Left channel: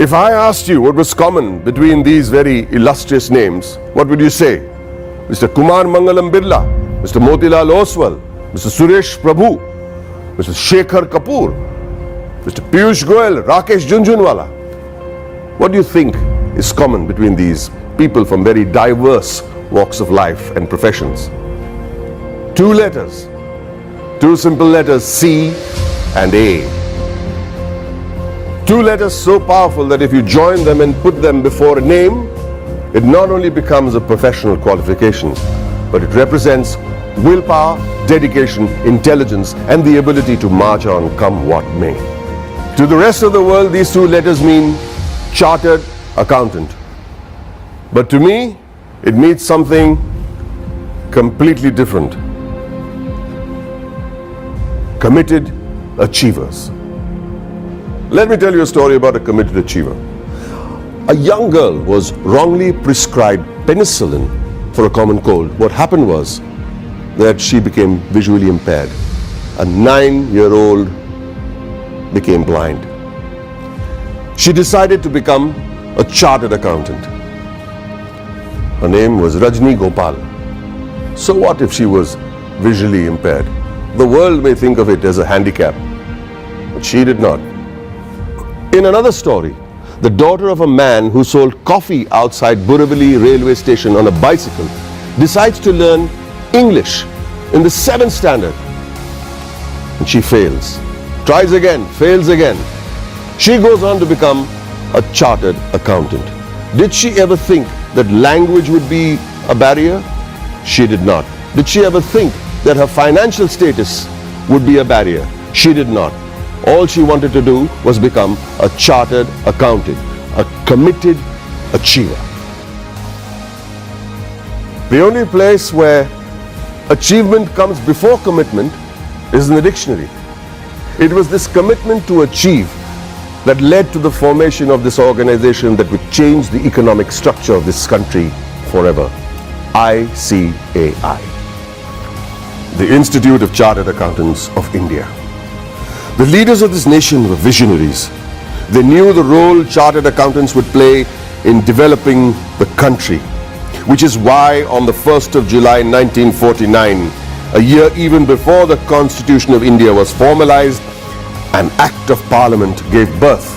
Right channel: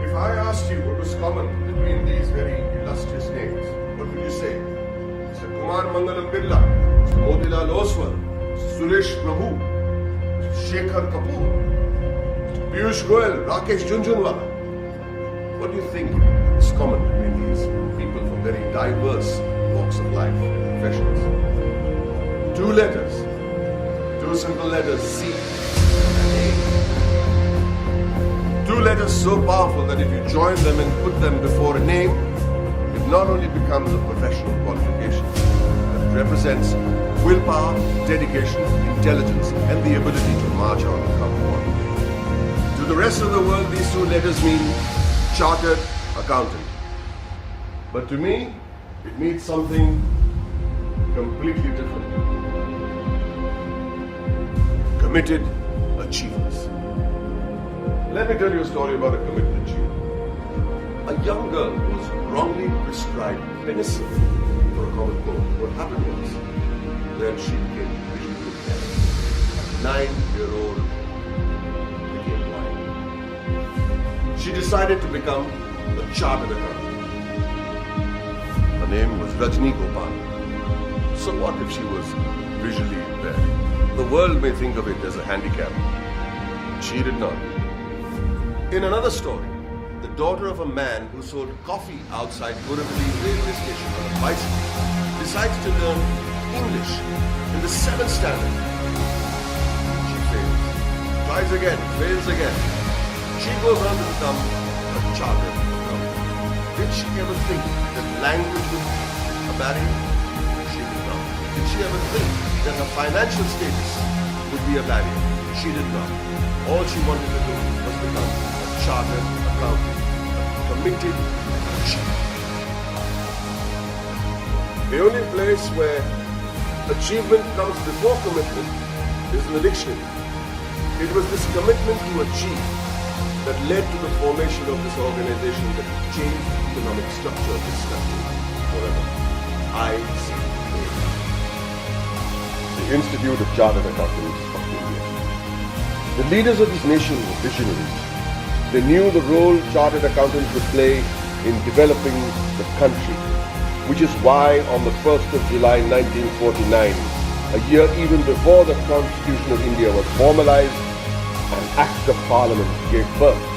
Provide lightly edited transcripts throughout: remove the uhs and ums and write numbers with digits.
If I asked you what was common between these very illustrious names, what would you say? Mr. Kumar Mangalam Birla, Mr. Motilal Oswal, Mr. Suresh Prabhu, Mr. Shekhar Kapoor, Mr. Piyush Goyal, Rakesh Junjunwala. What do you think is common between these people from very diverse walks of life and professions? Two letters, two simple letters, C and A. Two letters so powerful that if you join them and put them before a name, it not only becomes a professional qualification, but it represents willpower, dedication, intelligence, and the ability to march on come what may. To the rest of the world, these two letters mean chartered accountant. But to me, it means something completely different. Committed achievers. Let me tell you a story about a committed achiever. A young girl was wrongly prescribed penicillin for a common cold. What happened was that she became visually impaired. A 9-year-old became blind. She decided to become a chartered accountant. Her name was Rajni Gopal. So what if she was visually impaired? The world may think of it as a handicap, but she did not. In another story, the daughter of a man who sold coffee outside Borivali railway station on a bicycle decides to learn English in the 7th standard. And she fails. Tries again, fails again. She goes on to become a chartered accountant. Did she ever think that language would be a barrier? She did not. Did she ever think that her financial status would be a barrier? She did not. All she wanted to do was become a chartered accountant, a committed achiever. The only place where achievement comes before commitment is in the dictionary. It was this commitment to achieve that led to the formation of this organization that would change the economic structure of this country forever. ICAI, the Institute of Chartered Accountants of India. The leaders of this nation were visionaries. They knew the role chartered accountants would play in developing the country, which is why on the 1st of July 1949, a year even before the Constitution of India was formalized, an Act of Parliament gave birth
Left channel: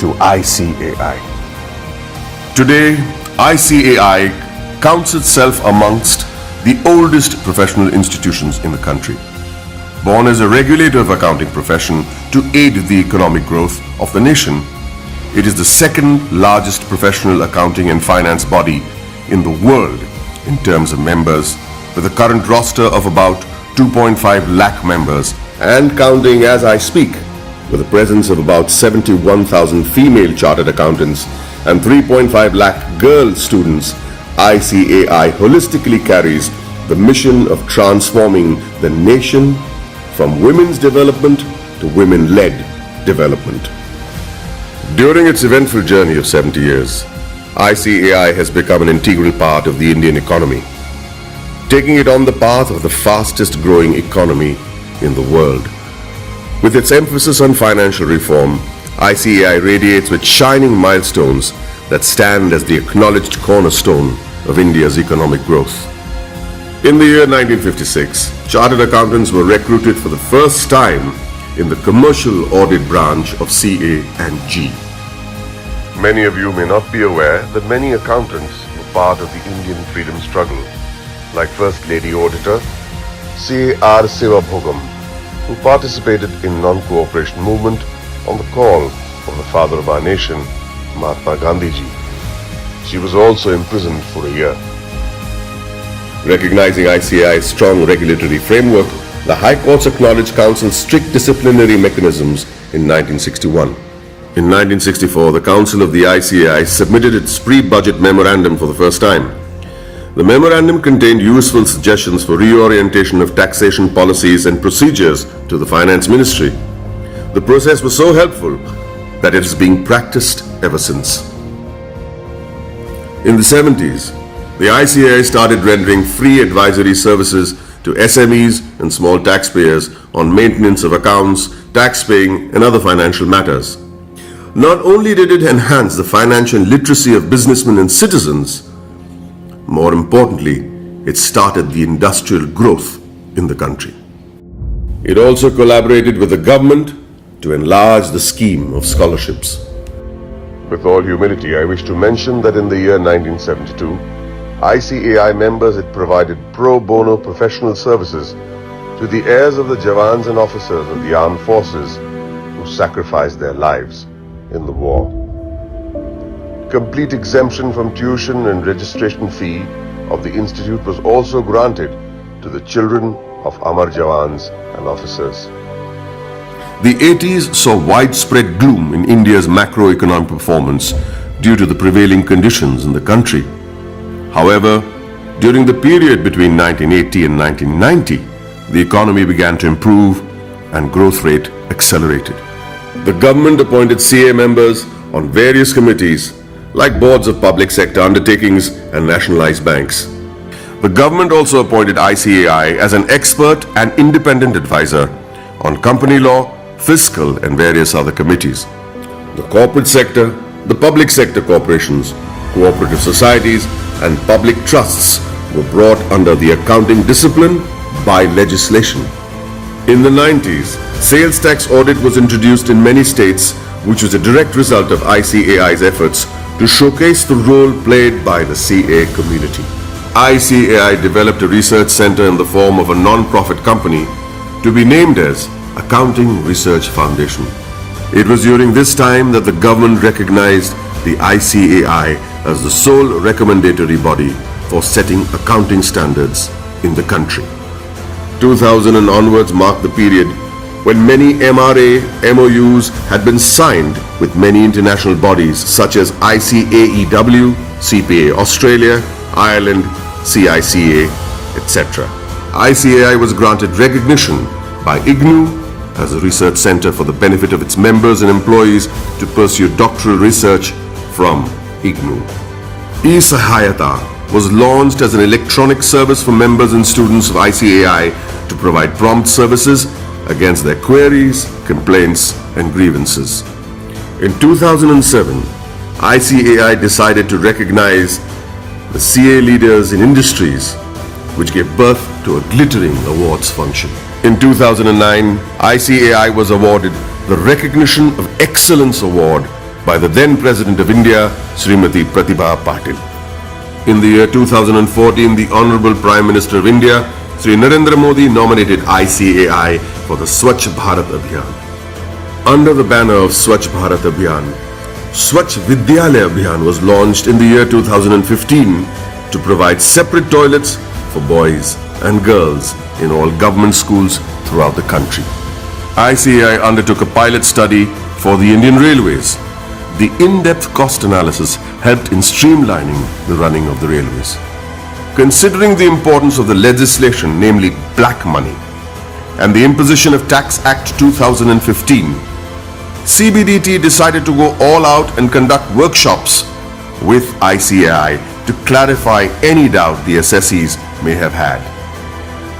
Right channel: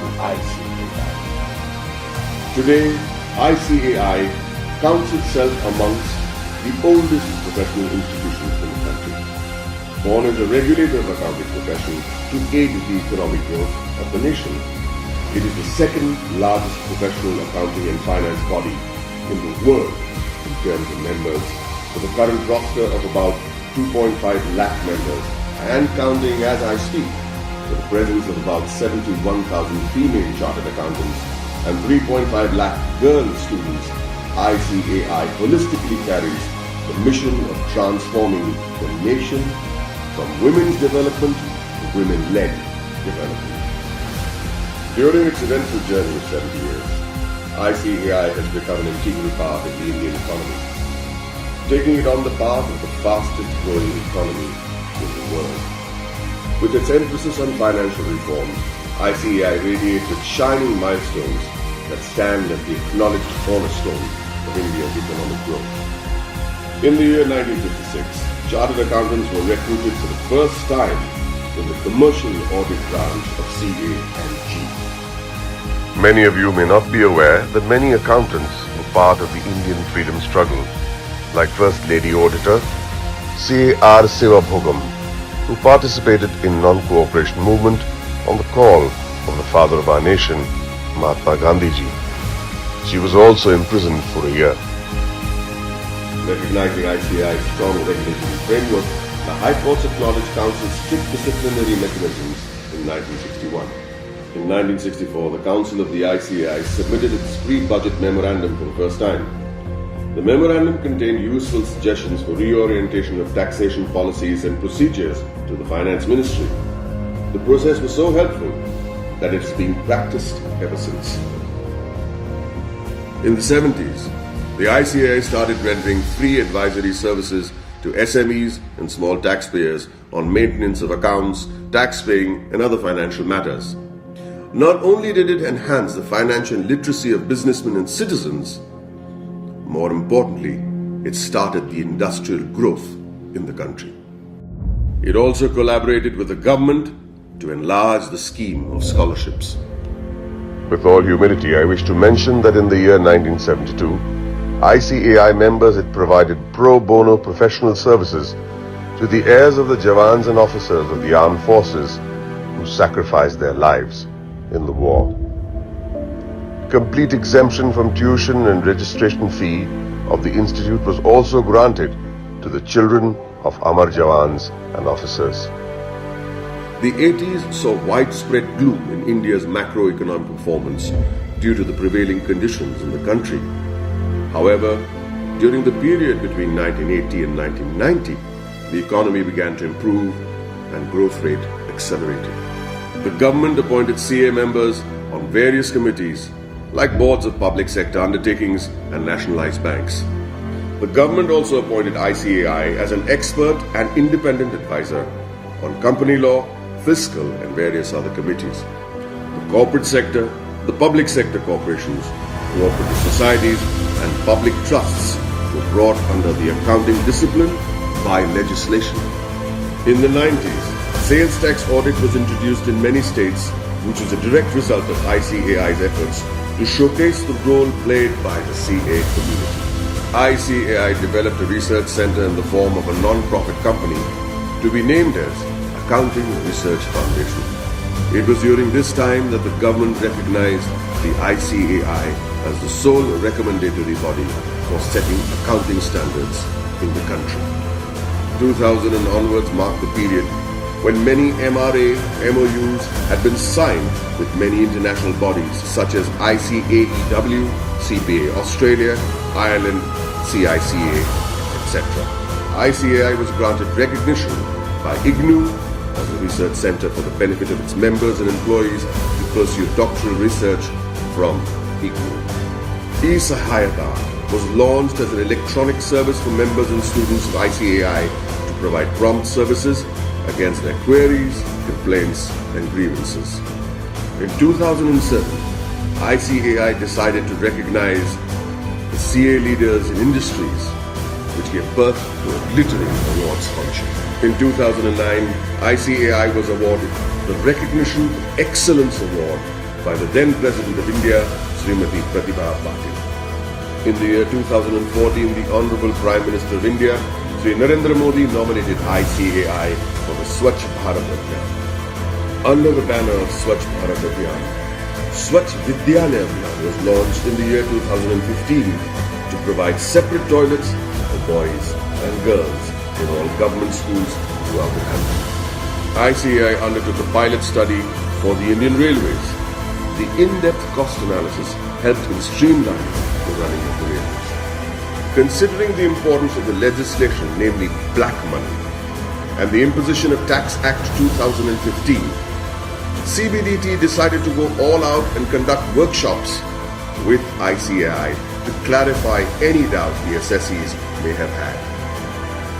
to ICAI. Today, ICAI counts itself amongst the oldest professional institutions in the country. Born as a regulator of accounting profession to aid the economic growth of the nation, it is the second largest professional accounting and finance body in the world in terms of members, with a current roster of about 2.5 lakh members and counting as I speak, with a presence of about 71,000 female chartered accountants and 3.5 lakh girl students. ICAI holistically carries the mission of transforming the nation from women's development to women-led development. During its eventful journey of 70 years, ICAI has become an integral part of the Indian economy, taking it on the path of the fastest growing economy in the world. With its emphasis on financial reform, ICAI radiates with shining milestones that stand as the acknowledged cornerstone of India's economic growth. In the year 1956, chartered accountants were recruited for the first time in the commercial audit branch of CA&G. Many of you may not be aware that many accountants were part of the Indian freedom struggle, like First Lady Auditor C.R. Sivabhogam, who participated in non-cooperation movement on the call of the father of our nation, Mahatma Gandhiji. She was also imprisoned for a year. Recognizing ICAI's strong regulatory framework, the High Courts acknowledged Council's strict disciplinary mechanisms in 1961. In 1964, the Council of the ICAI submitted its pre-budget memorandum for the first time. The memorandum contained useful suggestions for reorientation of taxation policies and procedures to the Finance Ministry. The process was so helpful that it is being practiced ever since. In the 70s, the ICAI started rendering free advisory services to SMEs and small taxpayers on maintenance of accounts, tax paying, and other financial matters. not only did it enhance the financial literacy of businessmen and citizens, more importantly, it started the industrial growth in the country. It also collaborated with the government to enlarge the scheme of scholarships. With all humility, I wish to mention that in the year 1972, ICAI members had provided pro bono professional services to the heirs of the Jawans and officers of the armed forces who sacrificed their lives in the war. Complete exemption from tuition and registration fee of the institute was also granted to the children of Amar Jawans and officers. The 80s saw widespread gloom in India's macroeconomic performance due to the prevailing conditions in the country. However, during the period between 1980 and 1990, the economy began to improve and growth rate accelerated. The government appointed CA members on various committees like boards of public sector undertakings and nationalized banks. The government also appointed ICAI as an expert and independent advisor on company law, fiscal and various other committees. The corporate sector, the public sector corporations, cooperative societies and public trusts were brought under the accounting discipline by legislation. In the 90s, sales tax audit was introduced in many states, which was a direct result of ICAI's efforts to showcase the role played by the CA community. ICAI developed a research center in the form of a non-profit company to be named as Accounting Research Foundation. It was during this time that the government recognized the ICAI as the sole recommendatory body for setting accounting standards in the country. 2000 and onwards marked the period when many MRA MOUs had been signed with many international bodies such as ICAEW, CPA Australia, Ireland, CICA, etc. ICAI was granted recognition by IGNU as a research center for the benefit of its members and employees to pursue doctoral research from IGNU. eSahayata was launched as an electronic service for members and students of ICAI to provide prompt services against their queries, complaints, and grievances. In 2007, ICAI decided to recognize the CA leaders in industries, which gave birth to a glittering awards function. In 2009, ICAI was awarded the Recognition of Excellence Award by the then President of India, Srimati Pratibha Patil. In the year 2014, the Honorable Prime Minister of India, Sri Narendra Modi, nominated ICAI for the Swachh Bharat Abhiyan. Under the banner of Swachh Bharat Abhiyan, Swachh Vidyalaya Abhiyan was launched in the year 2015 to provide separate toilets for boys and girls in all government schools throughout the country. ICAI undertook a pilot study for the Indian Railways. The in-depth cost analysis helped in streamlining the running of the railways. Considering the importance of the legislation, namely black money, and the imposition of Tax Act 2015, CBDT decided to go all out and conduct workshops with ICAI to clarify any doubt the assessees may have had.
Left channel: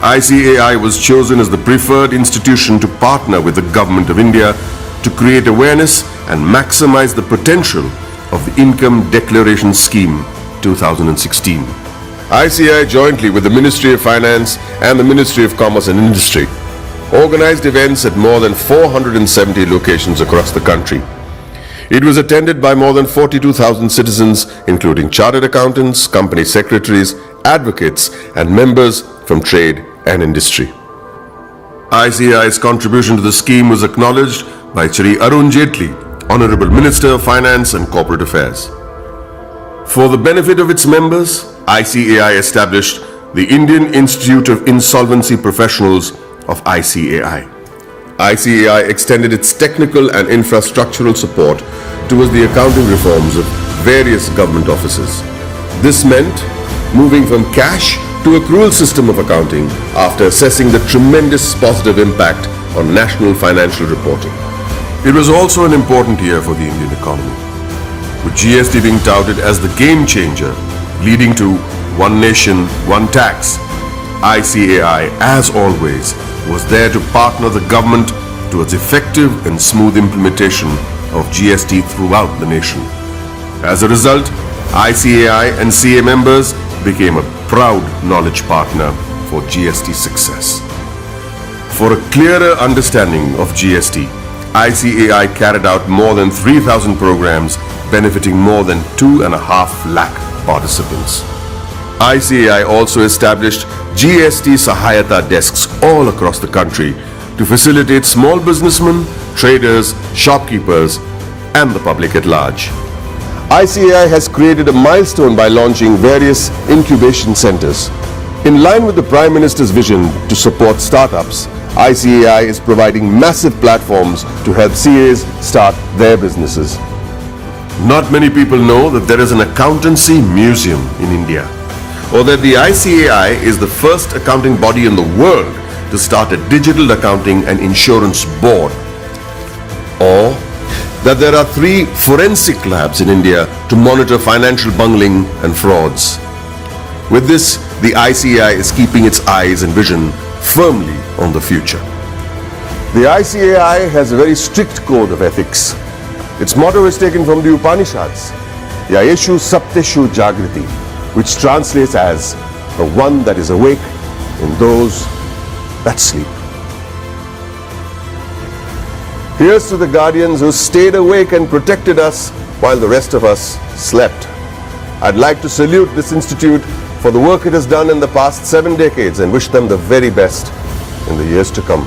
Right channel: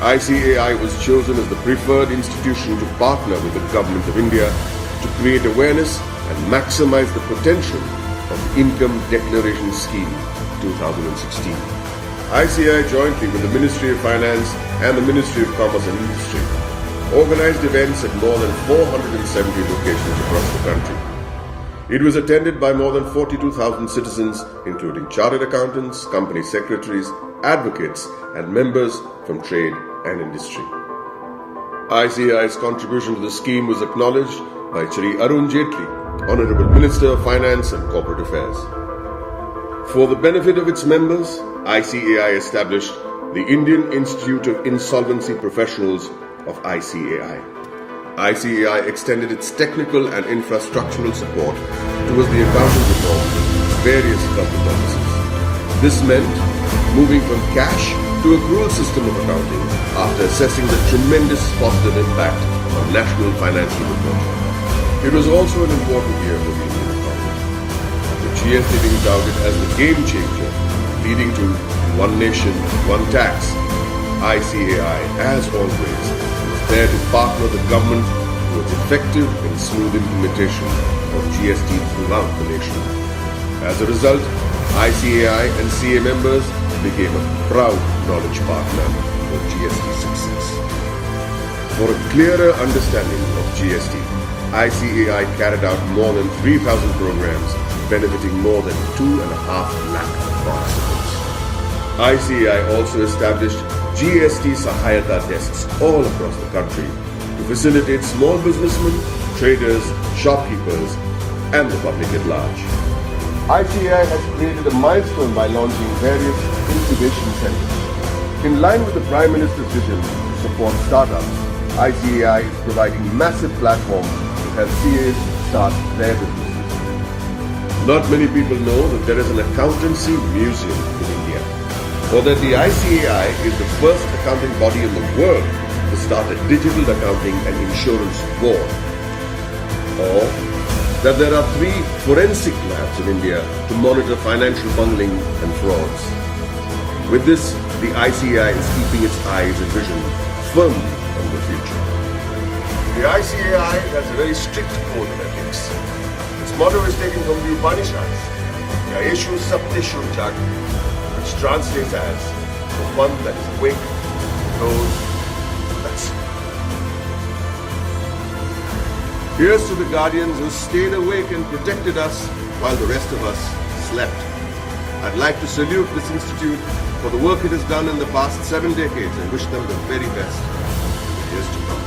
ICAI was chosen as the preferred institution to partner with the Government of India to create awareness and maximize the potential of the Income Declaration Scheme 2016. ICAI, jointly with the Ministry of Finance and the Ministry of Commerce and Industry, organized events at more than 470 locations across the country. It was attended by more than 42,000 citizens, including chartered accountants, company secretaries, advocates, and members from trade and industry. ICAI's contribution to the scheme was acknowledged by Shri Arun Jaitley, Honorable Minister of Finance and Corporate Affairs. For the benefit of its members, ICAI established the Indian Institute of Insolvency Professionals of ICAI. ICAI extended its technical and infrastructural support towards the accounting reforms of various government offices. This meant moving from cash to accrual system of accounting after assessing the tremendous positive impact on national financial reporting. It was also an important year for the Indian economy, with GST being touted as the game changer, leading to one nation, one tax. ICAI, as always, was there to partner the government towards effective and smooth implementation of GST throughout the nation. As a result, ICAI and CA members became a proud knowledge partner for GST success. For a clearer understanding of GST, ICAI carried out more than 3,000 programs benefiting more than 2.5 lakh participants. ICAI also established GST Sahayata desks all across the country to facilitate small businessmen, traders, shopkeepers, and the public at large. ICAI has created a milestone by launching various incubation centers. In line with the Prime Minister's vision to support startups, ICAI is providing massive platforms to help CAs start their businesses. Not many people know that there is an accountancy museum in India, or that the ICAI is the first accounting body in the world to start a digital accounting and insurance board, or that there are 3 forensic labs in India to monitor financial bungling and frauds. With this, the ICAI is keeping its eyes and vision firmly on the future. The ICAI has a very strict code of ethics. Its motto is taken from the Upanishads, Yayeshu Sapteshu Jagriti, which translates as the one that is awake in those that sleep. Here's to the guardians who stayed awake and protected us while the rest of us slept. I'd like to salute this institute for the work it has done in the past 7 decades and wish them the very best in the years to come.